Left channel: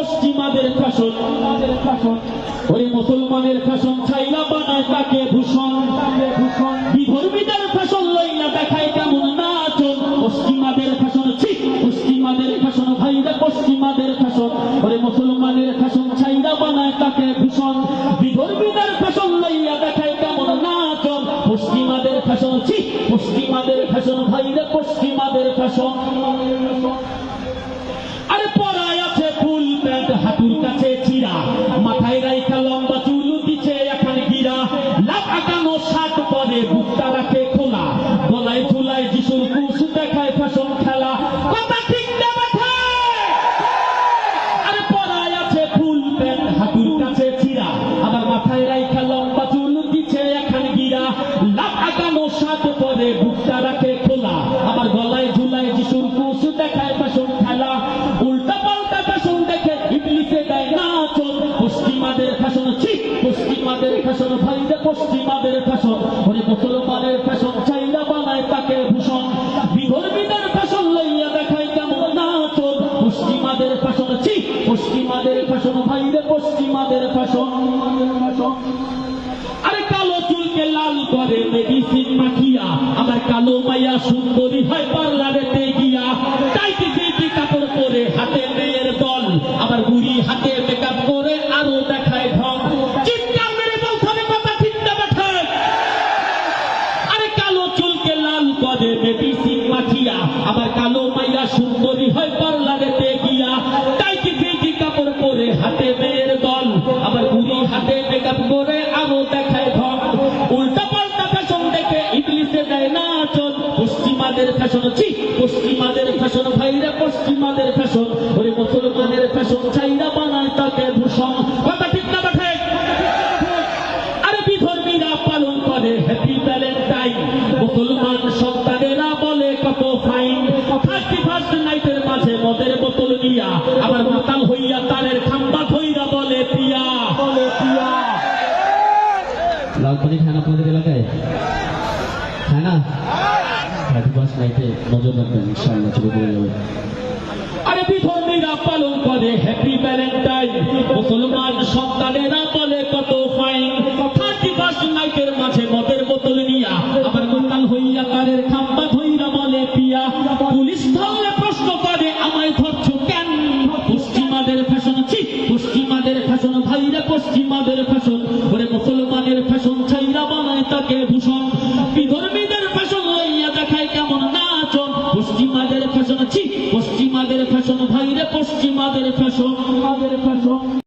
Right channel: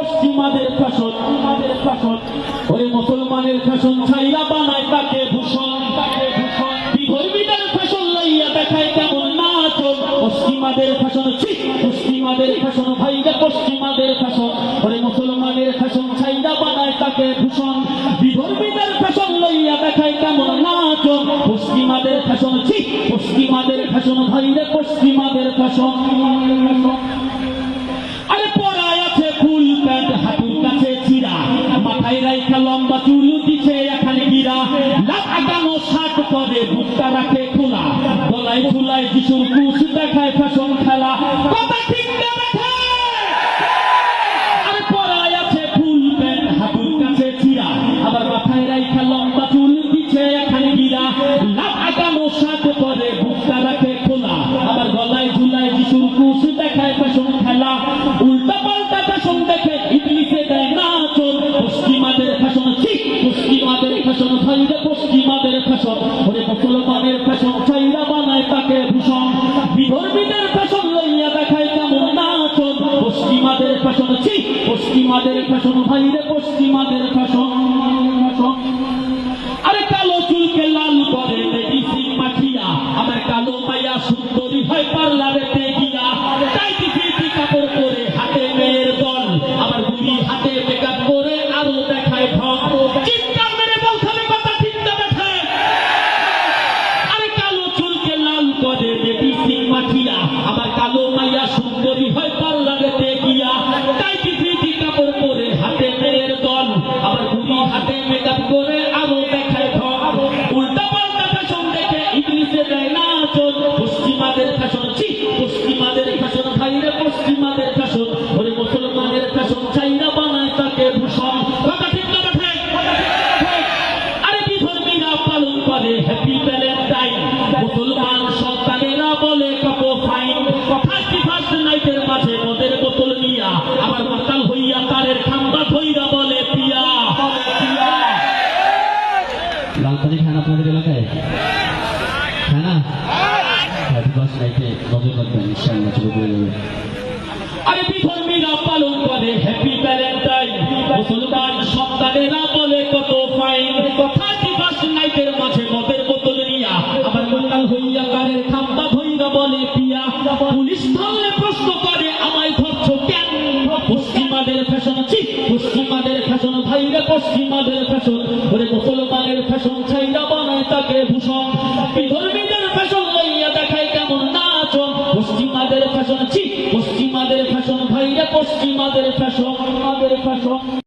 পশ্চিমাদের ফ্যাশন, ওরে মুসলমানের ফ্যাশন ছাইরা বানায় তাকে ভূষণ, বিধর্মীদের ফ্যাশন লইয়া দেখায় কেমন নাচন। পশ্চিমাদের ফ্যাশন, পশ্চিমাদের ফ্যাশন ভাইরা পশ্চিমাদের ফ্যাশন, ওরে মুসলমানের ফ্যাশন ছাইরা বানায় তাকে ভূষণ, বিধর্মীদের ফ্যাশন লইয়া দেখায় কেমন নাচন। পশ্চিমাদের ফ্যাশন, পশ্চিমাদের ফ্যাশন ভাইরা পশ্চিমাদের ফ্যাশন। আরে পরায় আছে ফুল প্যান্ট হাঁটুর কাছে চিরা, মাথায় রাইখা লম্বা চুল দিচ্ছে এখানে গিরা, লাভ আগানো শার্ট পরে বুকটা রাখে খোলা, গলায় ফুলায় যিশুর ক্রুশ দেখায় ফ্যাশন খেলা। কথা ঠিক না বেঠা? আরে পরায় আছে ফুল প্যান্ট হাঁটুর কাছে চিরা, আবার মাথায় রাইখা লম্বা চুল দিচ্ছে এখানে গিরা, লাভ আগানো শার্ট পরে বুকটা রাখে খোলা, আবার গলায় ঝুলায় যিশুর ক্রুশ দেখায় ফ্যাশন খেলা। উল্টা পাল্টা ফ্যাশন দেখে ইবলিসে দেয় নাচন। পশ্চিমাদের ফ্যাশন, পশ্চিমাদের ফ্যাশন ভাইরা পশ্চিমাদের ফ্যাশন, ওরে মুসলমানের ফ্যাশন চাইরা বানায় তাকে ভূষণ, বিধর্মীদের ফ্যাশন লইয়া দেখায় কেমন নাচন। পশ্চিমাদের ফ্যাশন, পশ্চিমাদের ফ্যাশন ভাইরা পশ্চিমাদের ফ্যাশন। আরে কালো চুলকে লাল করে মেডিসিন মাখিয়া, আমার কালো মাইয়া সুন্দরী হয় পার্লারেতে গিয়া, টাইটি ফিটি কাপড় পরে হাতে মেয়ের দল, আবার বুড়ি হাতে মেকআপ করে আরো দেখায় ঢং। চিৎকার মেরে বলতে কথা ঠিক না বেঠা? আরে কালো চুলকে লাল করে মেডিসিন মাখিয়া, আমার কালো মাইয়া সুন্দরী হয় পার্লারেতে গিয়া, টাইটি ফিটি কাপড় পরে হাতে মেয়ের দল, আবার বুড়ি হাতে মেকআপ করে আরো দেখায় ঢং। উল্টা পাল্টা ফ্যাশন দেখে ইবলিসে দেয় নাচন। পশ্চিমাদের ফ্যাশন, পশ্চিমাদের ফ্যাশন ভাইরা পশ্চিমাদের ফ্যাশন, ওরে মুসলমানের ফ্যাশন চাইরা বানায় তাকে ভূষণ। কথা ঠিক না বেঠা? আরে বিধর্মীরা পালন করে হ্যাপি ভ্যালেন্টাইন, মুসলমান সন্তানেরা বলে কত ফাইন। 31st নাইটের মাঝে মদের বোতল নিয়া, আবার মাতাল হইয়া তারের খাম্বা ধইরা বলে পিয়া, বলে পিয়া। লাল পানি খান আপনাদের এলাকায়? খানা 31st নাইটে নজর রাখবেন ইনশাআল্লাহ, চলে বলবো। আরে বিধর্মীরা পালন করে হ্যাপি ভ্যালেন্টাইন, মুসলমান সন্তানেরা বলে কত ফাইন। 31st নাইটের মাঝে মদের বোতল নিয়া, আবার মাতাল হইয়া তারের খাম্বা ধইরা বলে পিয়া। পুলিশ ধরে প্রশ্ন করে আমায় ধরছো কেন? পশ্চিমাদের ফ্যাশন, পশ্চিমাদের ফ্যাশন ভাইরা পশ্চিমাদের ফ্যাশন, ওরে মুসলমানের ফ্যাশন ছাইরা বানায় তাকে ভূষণ, বিধর্মীদের ফ্যাশন লইয়া দেখায় কেমন নাচন। পশ্চিমাদের ফ্যাশন, পশ্চিমাদের ফ্যাশন ভাইরা পশ্চিমাদের ফ্যাশন।